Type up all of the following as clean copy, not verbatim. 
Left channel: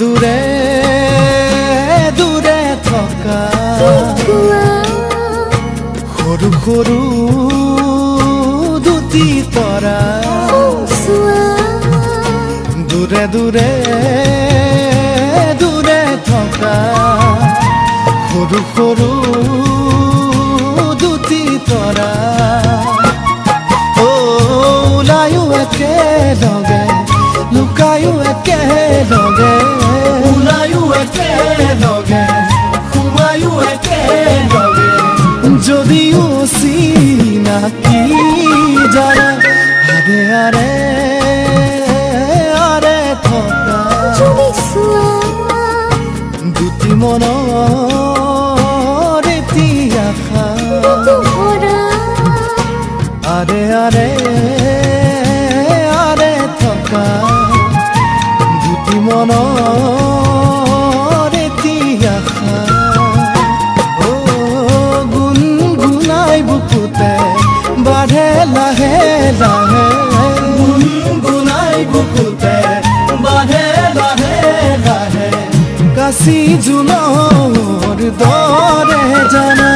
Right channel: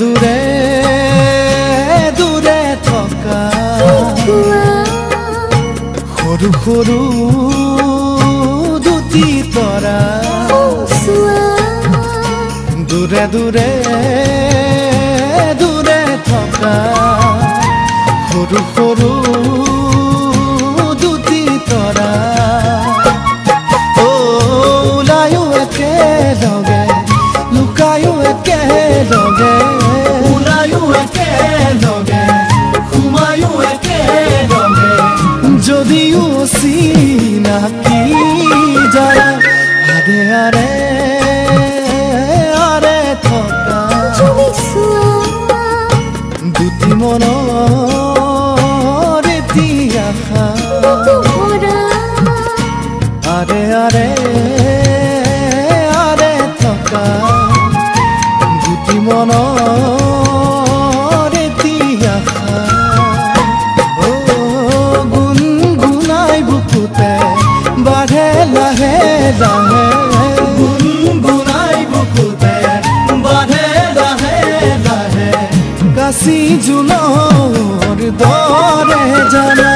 দূৰে দূৰে থকা সৰু সৰু দুটি তৰা দূৰে দূৰে দূৰে থকা সৰু সৰু দুটি তৰা ওলায়ো একেলগে লুকায়ো একেলগে ওলায়ো একেলগে সোমায়ো একেলগে যদিও চিনাকি যাৰা আৰে আৰে আৰে থকা দুটি মনৰ এটি আশা আৰে আৰে আৰে থকা দুটি মনৰ এটি আশা গুণগুণাই বুকুতে বাঢ়ে লাহে লাহে গুণগুণাই বুকুতে বাঢ়ে লাহে লাহে কাশি জোনৰ দৰে জানা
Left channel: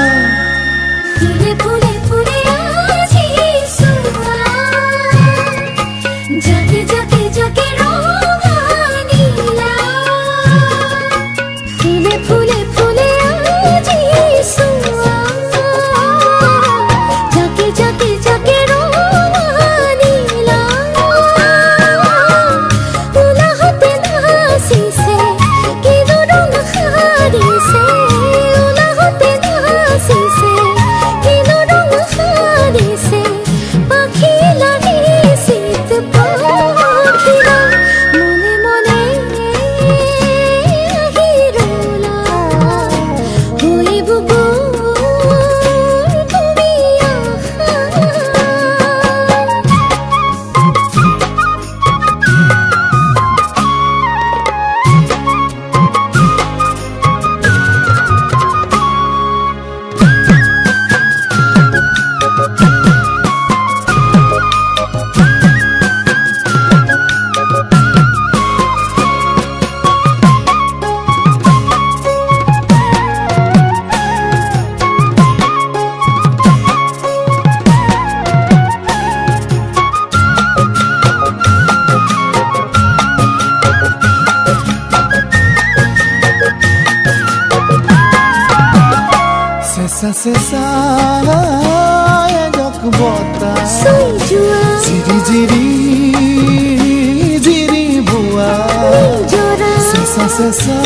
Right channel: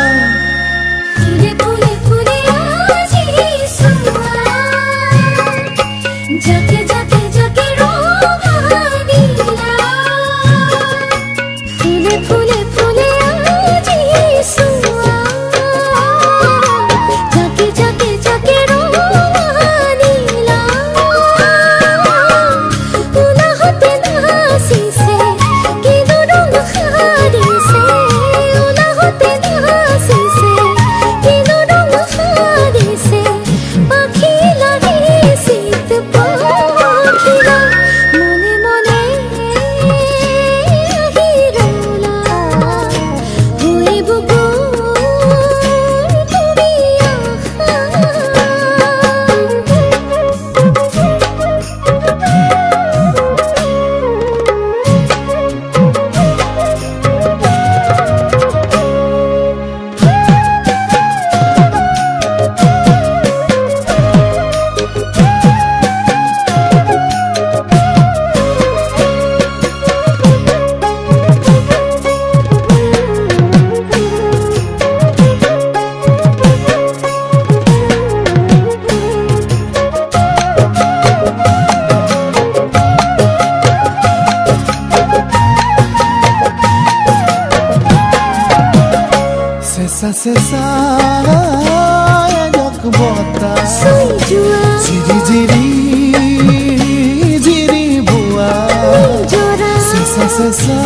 Sesa jak bota Jiri jiri jiri bua Sesa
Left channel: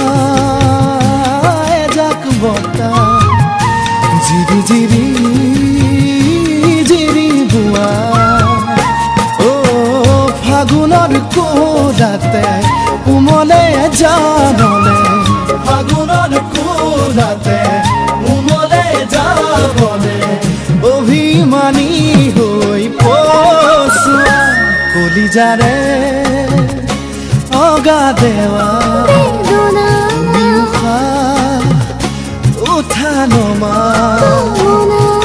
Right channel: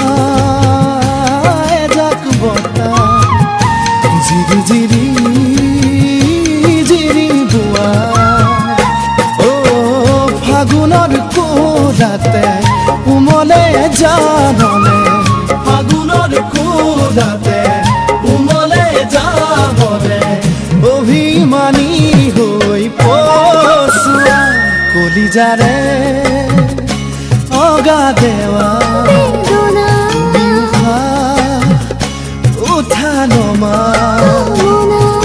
jak bota Jiri jiri jiri bua Oh fagunor kodate umole janole Fagunor kodate অভিমানী হৈ পছুৱা কলিজাৰে অগা দেৱা তুমি উঠা নমা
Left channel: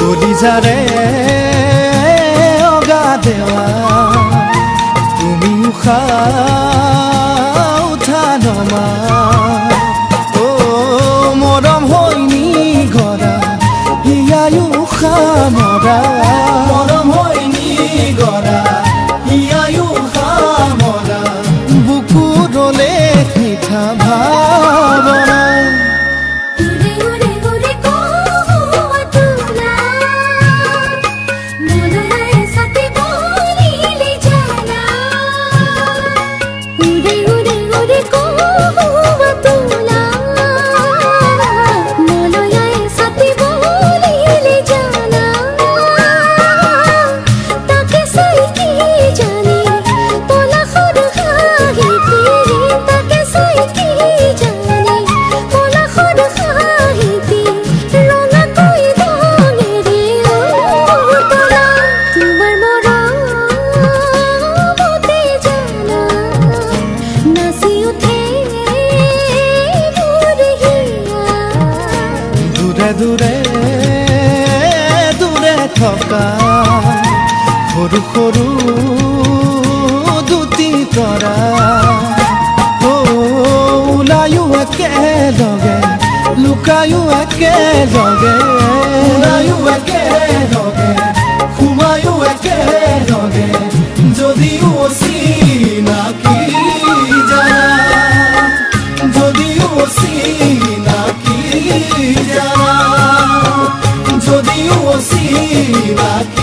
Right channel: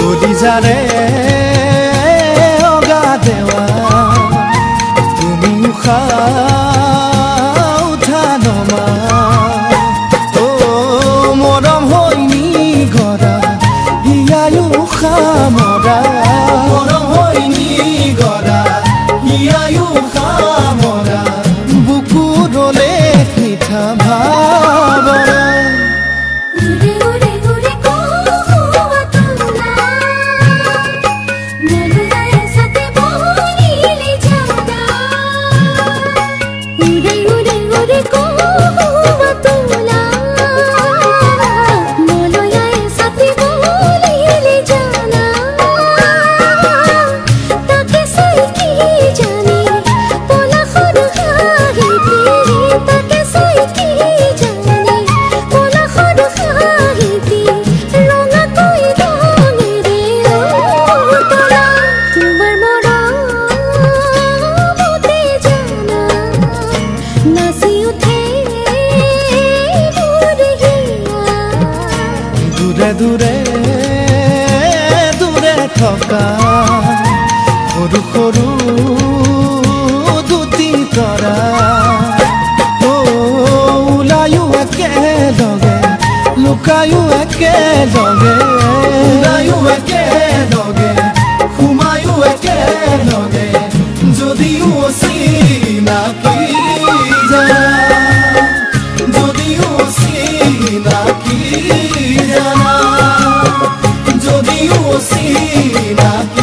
কলিজাৰে অগা দেৱা তুমি উঠা নমা মৰম হৈনি গৰা হিয়ায়ো খামৰা মৰম হৈনি গৰা হিয়ায়ো খামৰা বুকুৰলে মিঠা ভাৱনা দূৰে দূৰে থকা সৰু সৰু দুটি তৰা একেলগে ওলায়ো একেলগে সোমায়ো একেলগে যদিও চিনাকি জানা যদিও চিনাকি জানা যদিও চিনাকি